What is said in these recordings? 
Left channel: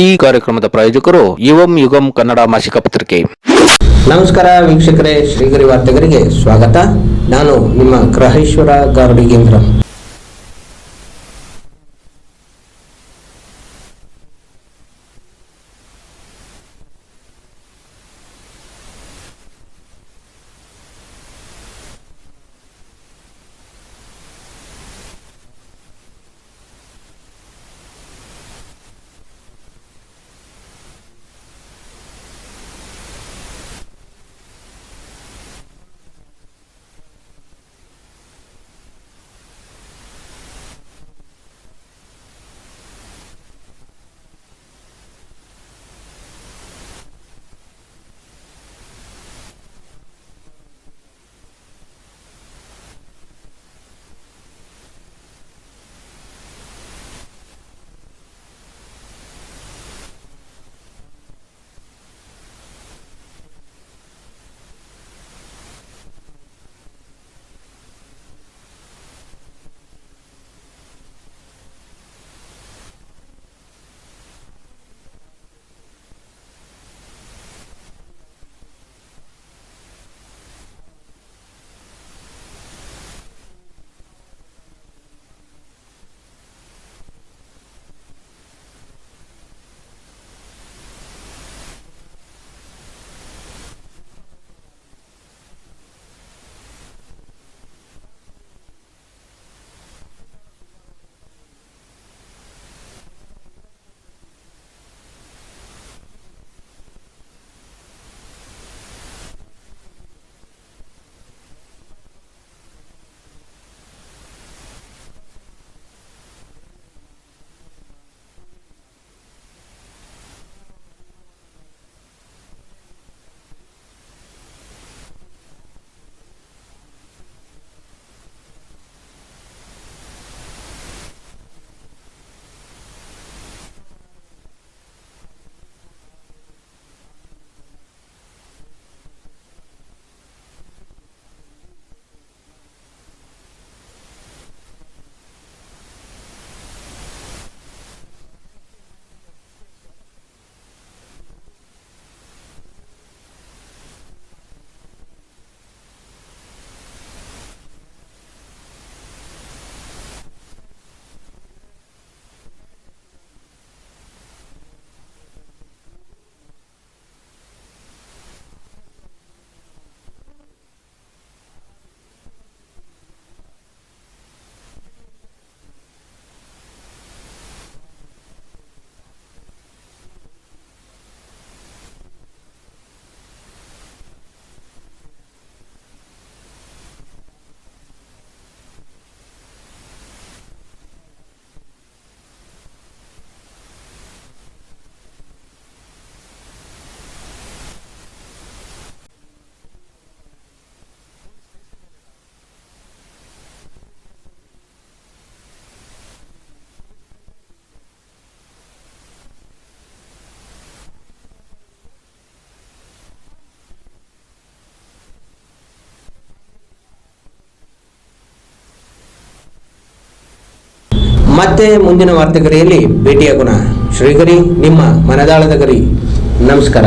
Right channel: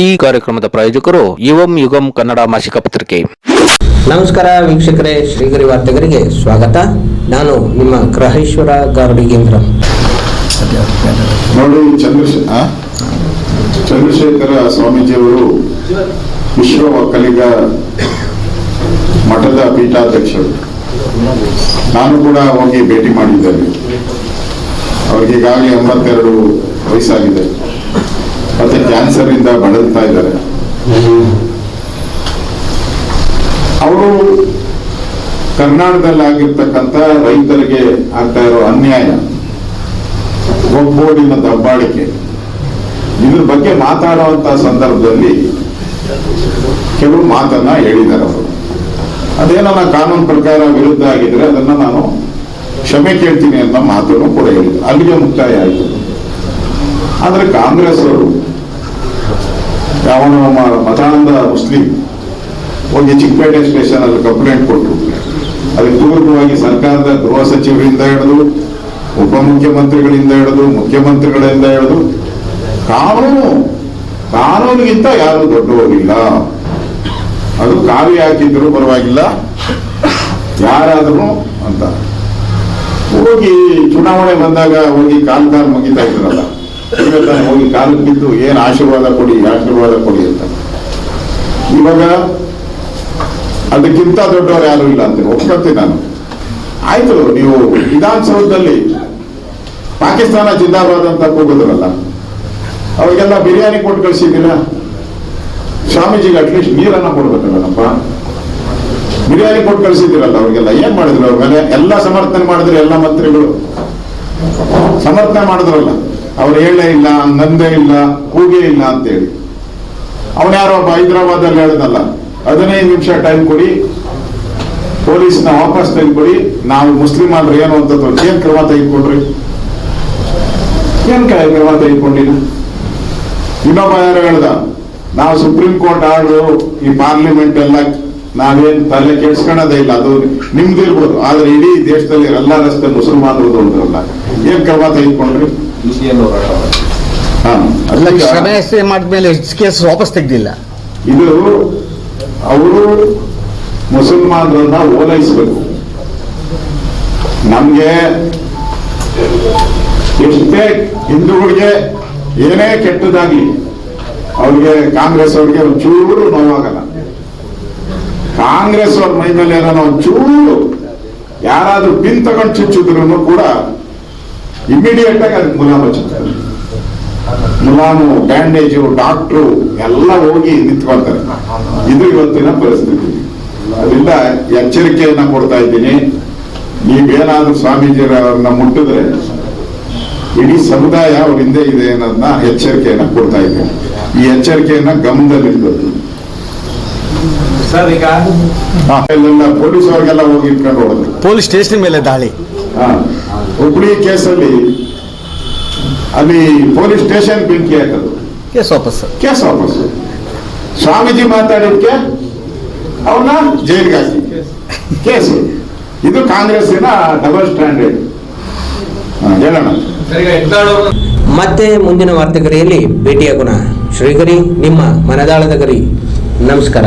ಈ ಕಾರ್ಯಕ್ರಮದ ಪ್ರಾಯೋಜಕರು ಯುವಂ ಯುಗಂ ಕನ್ನಡ ಮಾಸಿಕ ಪತ್ರಿಕೆ. ನಮಸ್ಕಾರ ವೀಕ್ಷಕರೇ ಶ್ರೀಗರಿ ವಾರ್ತೆಗರಿಗೆ ಸ್ವಾಗತ. ನಾನು ನಿಮ್ಮ ಗ್ರಹೇಶ್ವರ ಗಾರ್ಡಿಗೇಂದ್ರ ನೋಡಿ? ಚಂದ್ರಶೇಖರ ಸ್ವಾಮೀಜಿಯವರು ವಿಶ್ವ ಒಕ್ಕಲಿಗ ಮಠದ ಪೀಠಾಧ್ಯಕ್ಷರು. ನಾನು ಕೂಡ ಹೋಗಿ ಭೇಟಿ ಮಾಡಿದ್ದೇನೆ. ಅವರಿಗೆ ಈಗಾಗಲೇ ಎಂಬತ್ತೆರಡು ವಯಸ್ಸಾಗಿದೆ. ಮತ್ತೆ ಕ್ಯಾನ್ಸರ್ ಇಂದ ಬಳಲ್ತಾ ಇದ್ದಾರೆ. ಅವರು ಕರ್ನಾಟಕದಲ್ಲಿ ರೈತರಿಗೆ ಆಗ್ತಾ ಇರೋ ಅನ್ಯಾಯ ಒಗ್ಗೂಡಿನ ದಬ್ಬಾಳಿಕೆ ಇದ್ರ ಬಗ್ಗೆ ಮಾತಾಡುವಂತ ಸಂದರ್ಭದಲ್ಲಿ ಕೆಲವು ಮಾತನ್ನ ಹೇಳಿದ್ದಾರೆ ಅವರು. ಅದೇನನ್ನ ಕಾನೂನು ಪ್ರಕಾರ ವಿರುದ್ಧ ಆಗಿದ್ರೆ ಅದನ್ನ ನಾನು ಕ್ಷಮೆ ಕೇಳ್ತೀನಿ ಅಂತ ಮಾತನ್ನು ಕೂಡ ಹೇಳಿದ್ರು. ಅಲ್ಲಿಗೆ ಮುಕ್ತಾಯ ಆಯಿತು. ಆದ್ರೆ ಕಾಂಗ್ರೆಸ್ ಅವರು, ಯಾವನೋ ಮತಾನಂದ ಮುಸ್ಲಿಂ, ಹೋಗಿ ಚಿಕ್ಕಪೇಟೆ ಸ್ಟೇಷನ್ ಅಲ್ಲಿ ಕಂಪ್ಲೇಂಟ್ ಕೊಟ್ಟರು ಅದಕ್ಕೆ ಪೂರ್ವಕವಾಗಿ ಸರ್ಕಾರದ ಗೃಹ ಸಚಿವರಿಂದ ಹಿಡಿದು, ಉಪಮುಖ್ಯಮಂತ್ರಿಗಳಿಂದ ಹಿಡಿದು, ಮುಖ್ಯಮಂತ್ರಿಗಳಿಂದ ಹಿಡಿದು, ಕಾನೂನು, ಕಾನೂನಿಗಿಂತ ಯಾರು ದೊಡ್ಡವರಿಲ್ಲ. ಅದು ಕಾವಿ ಹಾಕಿದ್ರು ಪರವಾಗಿಲ್ಲ, ಯಾರಾದರೂ ಅಂತ. ಹೋಗಿ ಚುನಾವಣೆ ಬಂದಾಗ ಹೋಗಿ ಕಾಲ್ ಕಾಲ್ ಮುಗಿತಾ ಇದ್ರಲ್ಲ. ಈಗ ತಾನೇ ಹೋಗಿ ಕಾಲು ಬಿದ್ದು ಏನ್ ಆಶೀರ್ವಾದ ಕೊಡಿ ಆಶೀರ್ವಾದ ಕೊಡಿ ಅಂತ. ಇವಾಗ ಅದಕ್ಕಿಂತ ದೊಡ್ಡವರು ಯಾರು ಇಲ್ಲ ಅಂತ ಒಪ್ಕೊಳ್ತೀನಿ ನಾನು. ಆಯ್ತು, ನೀವು ವಿಧಾನಸೌಧದಲ್ಲಿ ಪಾಕಿಸ್ತಾನ ಜಿಂದಾಬಾದ್ ಅಂತ ಕೂಗಿದ್ರಲ್ಲ, ಅವಾಗೆಲ್ಲ ಬಿರಿಯಾನಿ ಕೊಟ್ಟು ಕಳಿಸಿದ್ದೀರಾ? ಸ್ವಾಮೀಜಿಗೆ ಅಟ್ಲೀಸ್ಟ್ ನೀರನ್ನ ಕೊಡ್ಬೇಕಲ್ಲಪ್ಪ. ಬಿರಿಯಾನಿ ಕೊಟ್ಟು ಕಳಿಸಿದ್ದೀರಲ್ಲ ಅವ್ರಿಗೆಲ್ಲ, ಏನ್ ಮಾಡಿದ್ರು ಅವ್ರ ಮೇಲೆ? ಎಲ್ಲ ಸಮರ್ಥನೆ ಮಾಡಿದ್ರು ಎಲ್ಲ ಮಂತ್ರಿಗಳು. ಸಮರ್ಥನೆ ಮಾಡಿದ್ರಲ್ಲ. ಅವ್ರು ಹೇಳೇ ಇಲ್ಲ, ನಂದೇ ಇಲ್ಲ, ಕೂಗೇ ಇಲ್ಲ ಅಂತೇಳಿ. ಅವನ್ಯಾರೋ ಒಬ್ಬ ಹೈದರಾಬಾದ್ ಅಲ್ಲಿ ಹೇಳಿದಲ್ಲ, ಹದಿನೈದು ನಿಮಿಷ ಟೈಮ್ ಕೊಡಿ, ಪೊಲೀಸ್ನ ವಾಪಸ್ ತೆಗೆದುಕೊಡಿ ನಾವು ಮುಸ್ಲಿಂ ಆದ್ರೆ ಏನು ಅಂತ. ಏನ್ ಕ್ರಮ ತೆಗೆದುಕೊಂಡ್ರಿ? ಏನ್ ಕ್ರಮ ತೆಗೆದುಕೊಂಡಿಲ್ಲ ಇನ್ನೊಬ್ಬ ಯಾರು ಹೇಳ್ದ, ನಾವು ಸುಪ್ರೀಂ ಕೋರ್ಟ್ ಆರ್ಡರ್ ಈ ಪಾರ್ಲಿಮೆಂಟ್ ಎಲ್ಲ ನಾವೇನ್ ತಲೆ ಕೆಡ್ಸ್ಕೊಳ್ಳೋದೇ ಇಲ್ಲ, ಅದು ನಿಮ್ದಿರ್ಬೋದು. ಆದ್ರೆ ಇಡೀ ದೇಶದಲ್ಲಿ ಎಲ್ಲ ರಸ್ತೆ ಮುಸಲ್ಮಾನರದು ಅಂದ್ರಲ್ಲ ಏನ್ ಕ್ರಮ ತೆಗೆದುಕೊಂಡ್ರಿ? ಹಾ ಅಲ್ಲ ಅದಕ್ಕೆ ಕ್ಷಮೆ ಮಾಡಿದ್ಮೇಲೆ ಕೇಸ್ ವಾಪಸ್ ತೆಗ್ದಿಲ್ಲ. ಇದು ಅವರು ಮುಸಲ್ಮಾನರನ್ನ ಓಲೈಸಬೇಕು. ನಮ್ಗೆ ಎಷ್ಟೇ ಹಿಂದೂಗಳಿಗೆ ಏನೇ ಕೆಟ್ಟದಾಗಿ ಅವ್ರಿಗೆ ಕಾಂಗ್ರೆಸ್ ಅವ್ರಿಗೆ ಒಂಚೂರು ನೋವಾಗಲ್ಲ. ಕಾಂಗ್ರೆಸ್ ಅವ್ರ ಮೈ ಮೇಲೆ ಏನೋ ಒಂಚೂರು ಯಾರಾದ್ರೂ ಪಿನ್ ತಗೊಂಡು ಚುಚ್ಚಿದ್ರು ಕೂಡ ಇಮಿಡಿಯೇಟ್ ಆಗಿ ಅದಕ್ಕೆ ಮುಲಾಮ ಹಚ್ಚುತ್ತಾರೆ ಮುಲಾಮು, ಬ್ಯಾಂಡೇಜು, ಡಾಕ್ಟ್ರು ಎಲ್ಲ ಹೋಗಿ ನಿಂತ್ಕೊಳ್ತಾರೆ ಇದು ಇವತ್ತಿನ ಪರಿಸ್ಥಿತಿ. ಅದರಿಂದ ಎಚ್ಚರಿಕೆಯನ್ನ ಕೊಡ್ತಾ ಇದ್ದೀನಿ. ನೀವೇನಾದ್ರೂ ಸ್ವಾಮೀಜಿಯವರನ್ನ ಮುಟ್ಟಿದ್ರೆ ಇಡೀ ಸಮುದಾಯ ಅವ್ರ ಹಿಂದೆ ಇದೆ ಅನ್ನೋದನ್ನ ಎಚ್ಚರಿಕೆಯನ್ನ ಕೊಡ್ತಾ ಇದ್ದೀನಿ. ಈ ಎಚ್ಚರಿಕೆಯನ್ನ ಗಮನದಲ್ಲಿರ್ಬೇಕು ಸರ್ ಈಗ ಪೊಲೀಸ್ ಅವ್ರಿಗೆಲ್ಲ ಹೋಗಿ ಇಟ್ಕೊಂಡು ಹೋದ್ರು ಪೊಲೀಸ್ ಸ್ಟೇಷನ್ ಮೇಲೆ ದಾಳಿ. ಹುಬ್ಳಿ ಕೇಸಲ್ಲಿ ಅಲ್ಲಿ ಪೊಲೀಸ್ ಸ್ಟೇಷನ್ ಬೆಂಕಿ ಹಾಕೋದು ಕೇಸ್ ವಾಪಸ್. ಕೇಸ್ ವಾಪಸ್. ಸ್ವಾಮೀಜಿ ಮಾತಾಡಿದ್ಕೆ ಅವನ ಜೈಲಿಗೆ ಹಾಕಿ. ಕೇಸು. ಇದು ಕಾಂಗ್ರೆಸ್ಸಿನ ಡಬಲ್ ಸ್ಟ್ಯಾಂಡರ್ಡ್ ಹೇಳೋಣ. ಮತ್ತೆ ಮುಂದಿನ ವಾರ್ತೆಗರಿಯಲ್ಲಿ ಭೇಟಿಯಾಗೋಣ. ಶ್ರೀಗರಿ ನಿಮ್ಮ ಮನದಾಳದ ಗರಿ. ನಮಸ್ಕಾರ.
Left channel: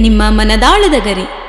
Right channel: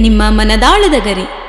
ನಿಮ್ಮ ಮನದಾಳದ ಗರಿ.